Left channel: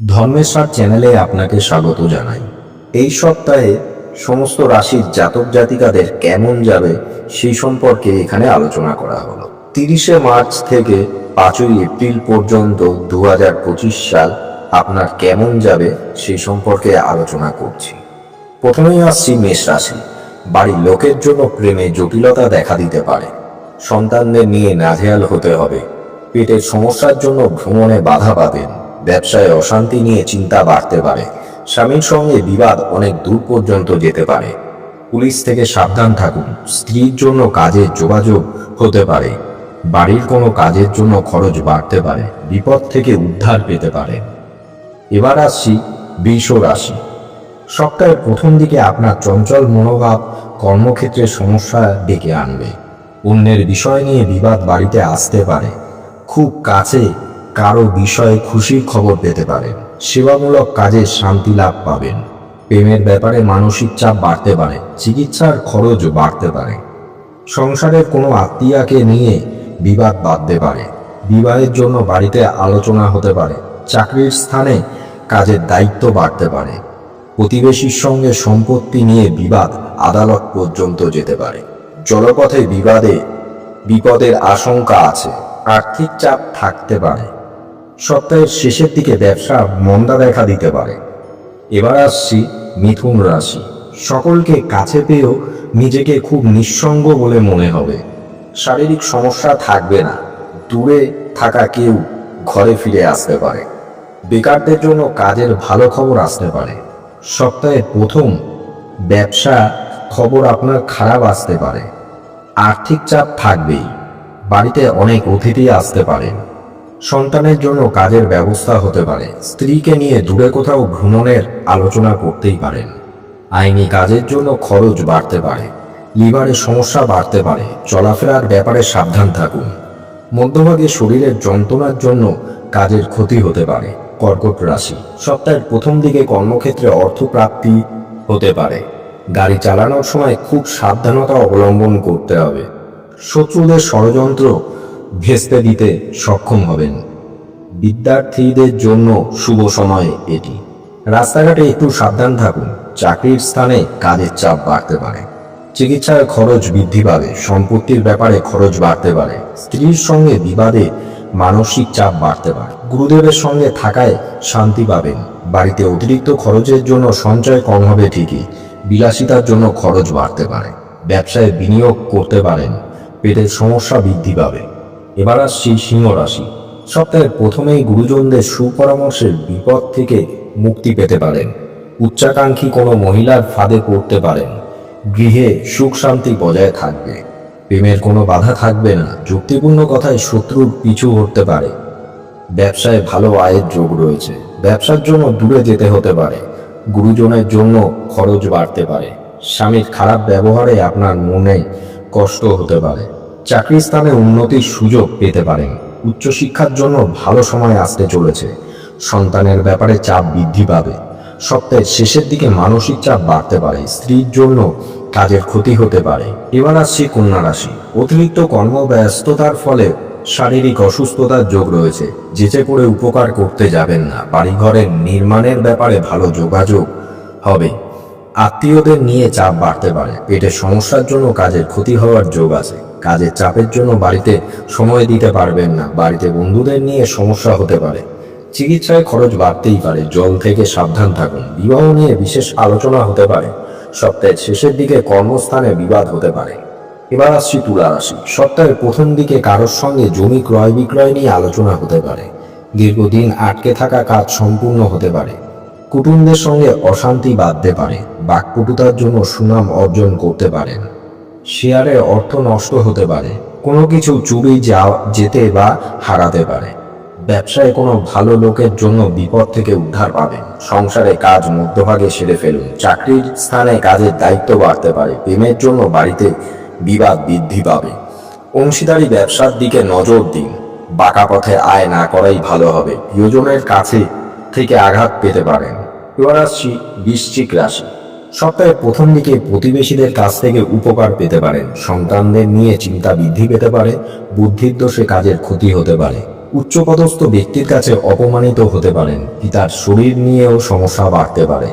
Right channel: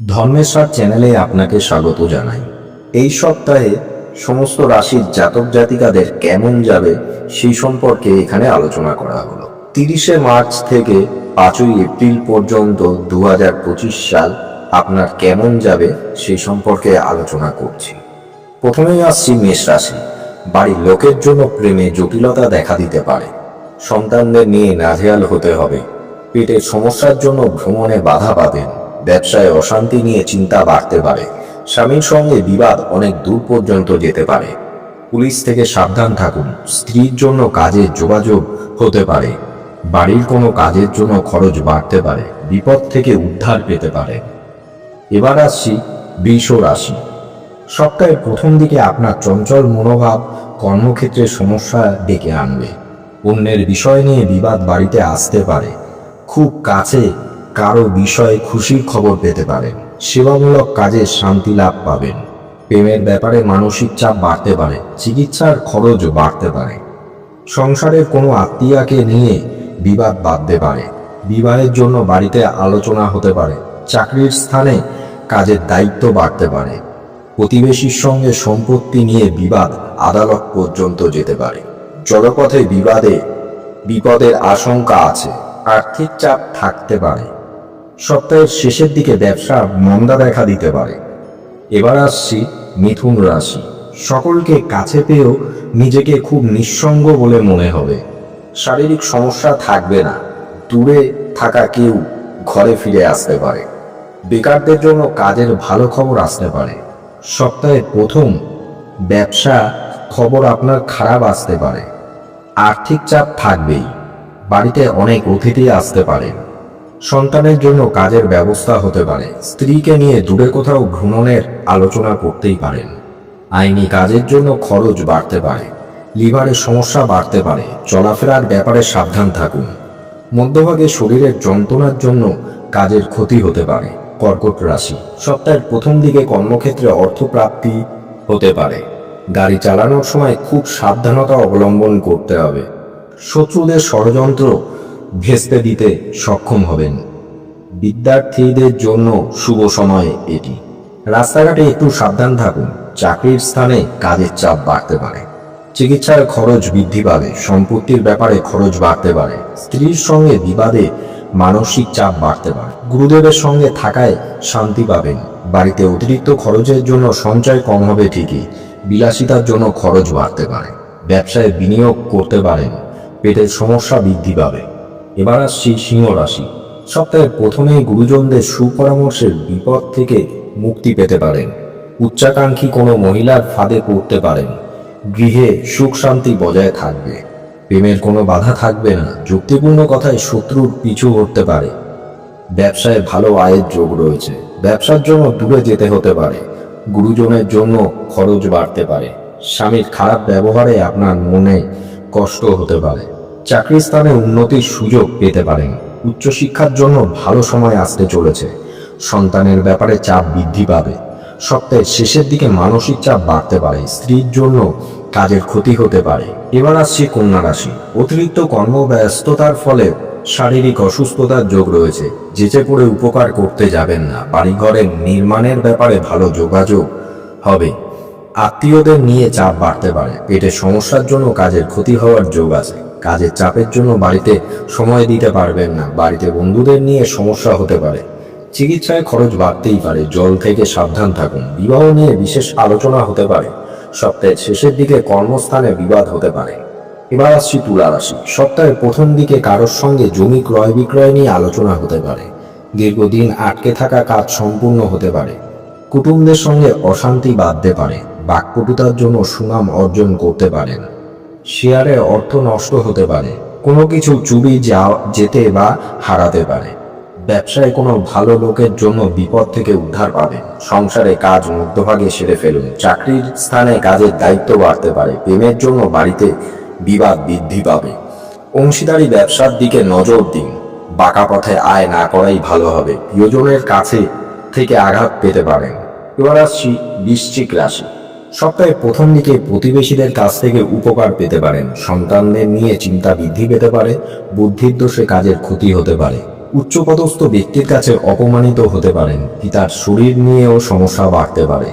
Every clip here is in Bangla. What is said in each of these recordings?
ধর্মেশ্বর চ্যানেলে আপনাকে স্বাগত জানাই। এই সপ্তাহে সমস্ত রাশির জাতক জাতিকাদের কেমন যাবে সেই সম্পর্কে এখানে আলোচনা করা হলো। 30শে মার্চ থেকে 5ই এপ্রিল পর্যন্ত 2025 সাল আপনার কেমন যাবে সেই সম্পর্কে আলোচনা করছি। প্রথমেই আসছি মেষ রাশি। বাড়ির লোকের জন্য প্রেমে জটিলতা দেখা দিতে পারে। সন্তানদের নিয়ে নাজেহাল হতে হবে। পেটের সমস্যার জন্য ভ্রমণে বাধা পাবেন। ব্যবসায় অশান্তি নিয়ে চিন্তা বাড়তে পারে। স্বামীর সঙ্গে বিবাদ অনেক দূর পর্যন্ত যেতে পারে। পুলিশ থেকে সাবধান থাকুন। স্ত্রীর জন্য কাজের যোগাযোগ হতে পারে। বাড়ির কোনো কাজের জন্য খরচ বাড়তে পারে। বিপদ থেকে উদ্ধার পেতে পারে। এবার আসছি বৃষ রাশি। সপ্তাহের প্রথম দিকে আপনার চঞ্চল মনোভাব কর্মক্ষেত্রে সমস্যা ডেকে আনবে। অন্যের বিষয় নিয়ে বিবাদ বাড়িতে আসতে পারে। খুব কাছে কারো বিষয়ে খুশির খবর পেতে পারেন। সেবামূলক কাজে শান্তি লাভ পাবেন। প্রেমের ব্যাপারে মানসিক চাপ বাড়তে পারে। চিকিৎসার খরচ বাড়তে পারে। সংসারের কোনো আত্মীয়কে নিয়ে বিবাদ বাঁধতে পারে। বিবাহের জন্য বাড়িতে আলোচনা হতে পারে। চাকরির স্থানে কাজের দায়িত্ব বাড়তে পারে। প্রতিবেশীর সঙ্গে সম্পত্তি নিয়ে বিবাদ আদালত পর্যন্ত যেতে পারে। জলপথে বিপদের আশঙ্কা আছে। আর্থিক চাপ থাকতে পারে। সপ্তাহের শেষের দিকে ব্যবসা মন্দা দেখা দিতে পারে। এবার আসছি মিথুন রাশি। সকলকে কাছে পেয়েও নিজেকে খুব নিঃসঙ্গ বলে মনে হবে। শারীরিক সমস্যা থাকবে না। দূরে থাকা কেউ ঘরে ফিরে আসতে পারে। বেকারদের জন্য কাজের ভালো খবর আসতে পারে। সপ্তাহের প্রথম ব্যবসা খবর আপনার খারাপ আসতে পারে। আর্থিক চাপ থাকবেই। বাড়িতে অনেক অতিথি আসতে পারেন। সন্তানের জন্য কাজের ব্যবস্থা হতে পারে। স্ত্রীকে নিয়ে দূরে কোথাও ভ্রমণের আলোচনা করতেই পারেন। আইনি কাজের জন্য খরচ বাড়তে পারে। লিভারের সমস্যা বাড়তে পারে। চলাফেরার ব্যাপারে সাবধান থাকুন। মধ্যভাগে শরীরের যন্ত্রণার জন্য কাজের ক্ষতি হতে পারে। কর্কট রাশি। সপ্তাহের প্রথম দিকে কর্মক্ষেত্রে অর্থপ্রাপ্তি হতে পারে। গাড়ি চালানোর সময় খুব সাবধানতা অবলম্বন করতে হবে। শত্রুদের ষড়যন্ত্র ভেস্তে দিতে সক্ষম হবেন। বিদ্যার্থীদের জন্য শুভ সময় এটি। রাস্তাঘাটে একটু সাবধান থাকুন। চাকরির স্থানে কাজের চাপ বাড়তে পারে। চিকিৎসার খরচ বৃদ্ধি পাবে। সম্পত্তির ব্যাপারে খরচ বাড়তে পারে। স্ত্রীর সঙ্গে বিবাদে মানসিক চাপ বাড়তে পারে। গুরুদেবের সঙ্গে থাকায় শান্তি পাবেন। বাড়িতে অতিরিক্ত খরচের জন্য সঞ্চয় কম হবে ঠিকই। বিলাসিতার জন্য খরচ বাড়তে পারে। ব্যবসায় বিনিয়োগ করতে পারেন। পেটের সমস্যা বৃদ্ধি পাবে। এবার আসছি সিংহ রাশি। সপ্তাহের প্রথমেই গুরুজনদের সুপরামর্শের বিপদ থেকে মুক্তি পেতে পারেন। উচ্চাকাঙ্ক্ষী কোনো মহিলার ফাঁদে পড়তে পারেন। গৃহে সুখ শান্তি বজায় থাকবে। প্রেমের কোনো বাধা থাকবে না। যুক্তিপূর্ণ কথায় শত্রুর পিছু হতে পারে। ব্যবসায় ভালো আয়ের যোগ রয়েছে। ব্যবসার জন্য দূরে যেতে হতে পারে। গুরুজনের জন্য খরচ বাড়তে পারে। স্বামীর খারাপ ব্যবহারে আপনার মনে কষ্ট হতে পারে। চাকরির স্থানে উন্নতির সুযোগ পেতে পারেন। উচ্চশিক্ষার জন্য ভালো সময় আসতে চলেছে। সন্তানের ব্যাপারে চাপ বৃদ্ধি পাবে। সপ্তাহের শেষের দিকে মানসিক চাপ বাড়তে পারে। স্ত্রীর জন্য কাজের ক্ষতি হতে পারে। এবার আসছি কন্যা রাশি। অতিরিক্ত কর্মব্যস্ততার ফলে শারীরিক অসুস্থতার যোগ রয়েছে। যেচে করে উপকার করতে যাবেন না। বাড়িঘরের নির্মাণের ব্যাপারে ভালো যোগাযোগ হবে। আত্মীয়দের নিয়ে চাপ বাড়তে পারে। পেটের সমস্যার জন্য কাজের ক্ষতি হওয়ার যোগ আছে। কাজের চাপের জন্য বাড়িতে সময় দিতে পারবেন না। বাড়িতে বন্ধুদের নিয়ে সমস্যা হতে পারে। চিকিৎসায় খরচ বাড়তেই পারে। জল থেকে সাবধান থাকুন। বিবাহ নিয়ে বিশেষ আলোচনা হতে পারে। সপ্তাহের শেষের দিকে কর্মস্থানে বিবাদ হতে পারে। এবার আসছি তুলা রাশি। সপ্তাহের প্রথম দিকে কারোর সঙ্গে জমি ক্রয় বিক্রয় নিয়ে আলোচনা হতে পারে। দীর্ঘদিন আটকে থাকা কাজ সম্পূর্ণ হতে পারে। কুটুম্বদের সঙ্গে অশান্তি বাঁধতে পারে। বাকপটুতার জন্য সুনাম অর্জন করতে পারেন। শেয়ারে অর্থ নষ্ট হতে পারে। কোনো কিছু চুরি যেতে বা হারাতে পারে। ব্যবসায় কোনো ভালো লোকের জন্য বিপদ থেকে উদ্ধার পাবেন। সংসারে কাজ মধ্যভাগে সেরে ফেলুন। চাকরির স্থানে কাজের দায়িত্ব বাড়তে পারে। প্রেমের জন্য বাড়িতে বিবাদ বৃদ্ধি পাবে। অংশীদারি ব্যবসার দিকে নজর দিন। বাঁকা পথে আয় না করাই ভালো হবে। প্রিয়জনের কাছে থেকে আঘাত পেতে পারেন। এবার আসছি বৃশ্চিক রাশি। সপ্তাহের প্রথম দিকে প্রতিবেশীদের কাছ থেকে উপকার পেতে পারেন। সন্তানদের নিয়ে চিন্তা বৃদ্ধি পেতে পারে। বুদ্ধির দোষে কাজের ক্ষতি হতে পারে। উচ্চপদস্থ ব্যক্তির কাছে অপমানিত হতে পারেন। পিতার শরীর নিয়েও সমস্যা বাড়তে পারে।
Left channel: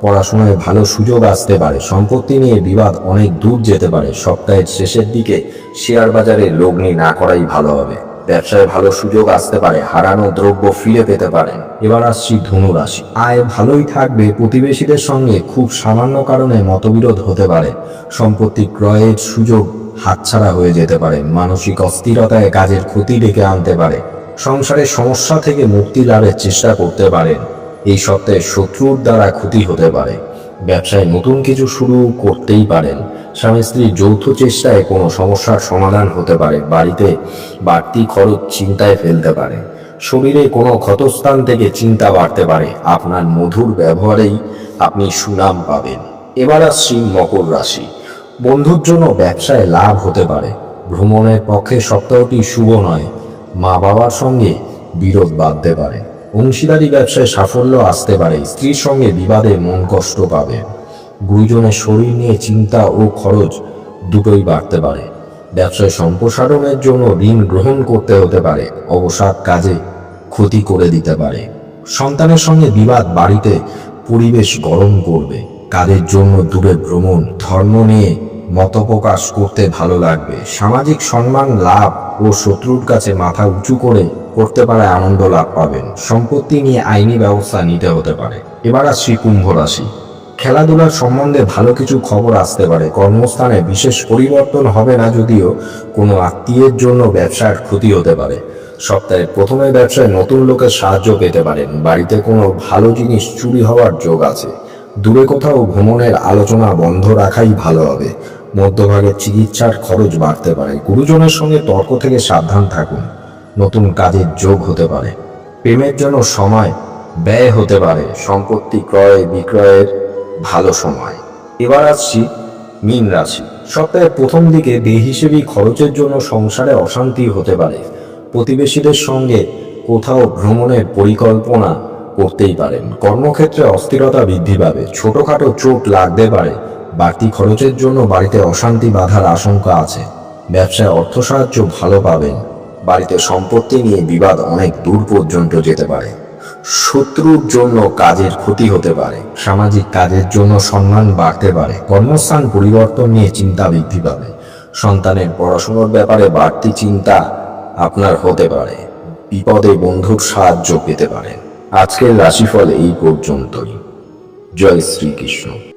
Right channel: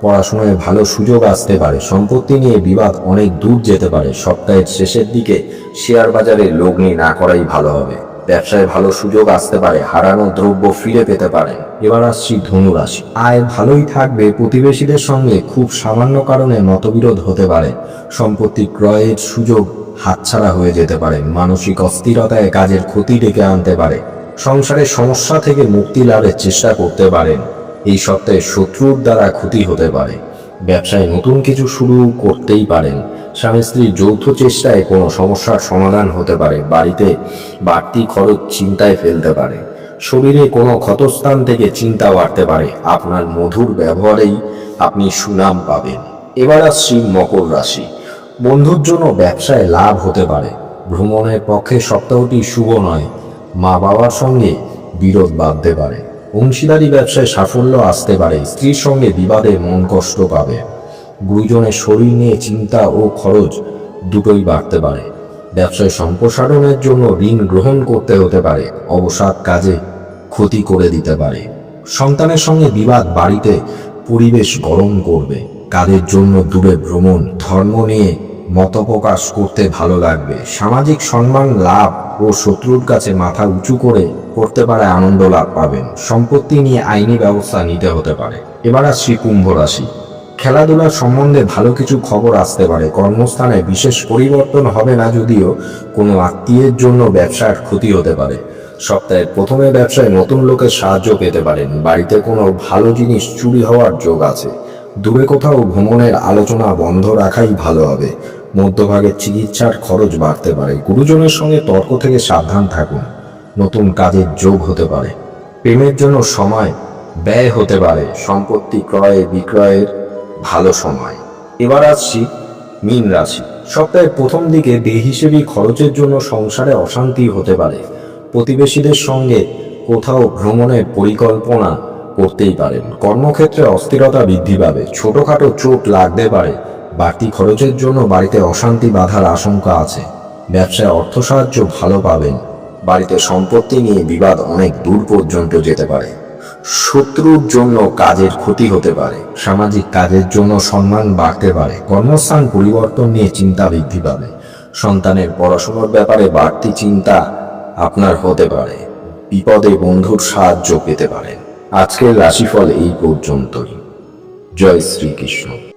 পড়াশোনায় ভালো সুযোগ আসতে পারে। সম্পত্তি নিয়ে বিবাদ অনেক দূর যেতে পারে। সপ্তাহের শেষের দিকে শেয়ার বাজারে লগ্নি না করাই ভালো হবে। ব্যবসায় ভালো সুযোগ আসতে পারে। হারানো দ্রব্য ফিরে পেতে পারেন। এবার আসছি ধনু রাশি। আয় ভালোই থাকবে। প্রতিবেশীদের সঙ্গে খুব সামান্য কারণে মতবিরোধ হতে পারে। সম্পত্তি ক্রয়ের সুযোগ হাতছাড়া হয়ে যেতে পারে। মানসিক অস্থিরতায় কাজের ক্ষতি ডেকে আনতে পারে। সংসারের সমস্যা থেকে মুক্তি লাভের চেষ্টা করতে পারেন। এই সপ্তাহে শত্রুর দ্বারা ক্ষতি হতে পারে। ব্যবসায় নতুন কিছু শুরু করতেই পারেন। স্বামী স্ত্রীর যৌথ চেষ্টায় কোনো সমস্যার সমাধান হতে পারে। বাড়িতে বাড়তি খরচ চিন্তায় ফেলতে পারে। শরীরে কোনো ক্ষতস্থান থেকে চিন্তা বাড়তে পারে। আপনার মধুর ব্যবহারেই আপনি সুনাম পাবেন। এবার আসছি মকর রাশি। বন্ধুর জন্য ব্যবসায় লাভ হতে পারে। ভ্রমণের পক্ষে সপ্তাহটি শুভ নয়। মা বাবার সঙ্গে বিরোধ বাঁধতে পারে। অংশীদারি ব্যবসায় সাফল্য আসতে পারে। স্ত্রীর সঙ্গে বিবাদে মন কষ্ট পাবে। গুরুজনের শরীর নিয়ে চিন্তা ও খরচ দুটোই বাড়তে পারে। ব্যবসায় সম্প্রসারণের জন্য ঋণ গ্রহণ করতে হতে পারে। অবসাদ কাজে ক্ষতি করে দিতে পারে। সন্তানের সঙ্গে বিবাদ বাড়িতে পরিবেশ গরম করবে। কাজের জন্য দূরে ভ্রমণ। ধর্ম নিয়ে মতপ্রকাশ করতে ভালো লাগবে। সামাজিক সম্মান লাভ ও শত্রুর কাছে মাথা উঁচু করে করতে পারে আনন্দ লাভ পাবেন। সম্পত্তি নিয়ে আইনি ব্যবস্থা নিতে হতে পারে। এবার আসছি কুম্ভ রাশি। খেলাধুলার সম্বন্ধে ভালো কিছু খবর আসতে পারে। কর্মস্থানে বিশেষ পরিবর্তন হবে না, যদিও কোনো আত্মীয়ের জন্য ব্যবসার ক্ষতি হতে পারে। সপ্তাহের প্রথমে ব্যবসায় নতুন লোকের সাহায্য পেতে পারেন। বাড়িতে কোনো ভালো জিনিস চুরি হওয়ার যোগ আছে। দূরে কোথাও ভ্রমণের আলোচনা বন্ধ রাখাই ভালো হবে। মধ্যভাগে চিকিৎসার খরচ বাড়তে পারে। গুরুজনের সঙ্গে তর্ক থেকে সাবধান থাকুন। নতুন কাজের যোগ হতে পারে। প্রেমের জন্য সময় ব্যয় হতে পারে। সম্পত্তি ক্রয় বিক্রয়ের ভালো সময়। এবার আসছি মীন রাশি। সপ্তাহের প্রথম দিকে বেহিসেবি খরচের জন্য সংসারে অশান্তি হতে পারে। প্রতিবেশীদের সঙ্গে কোথাও ভ্রমণের পরিকল্পনা করতেই পারেন। কর্মক্ষেত্রে অস্থিরতা বৃদ্ধি পাবে। ছোটখাটো চোট লাগতে পারে। বাড়তি খরচের জন্য বাড়িতে অশান্তি বাধার আশঙ্কা আছে। ব্যবসায় অর্থ সাহায্য ভালো পাবেন। বাড়িতে সম্পত্তি নিয়ে বিবাদ অনেক দূর পর্যন্ত যেতে পারে। শত্রুর জন্য কাজের ক্ষতি হতে পারে। সামাজিক কাজের জন্য সম্মান বাড়তে পারে। কর্মস্থান পরিবর্তন নিয়ে চিন্তা বৃদ্ধি পাবে। সন্তানের পড়াশোনার ব্যাপারে বাড়তি চিন্তা আপনার হতে পারে। বিপদে বন্ধুর সাহায্য পেতে পারেন। আজকের রাশিফল এই পর্যন্তই। জয় শ্রীকৃষ্ণ।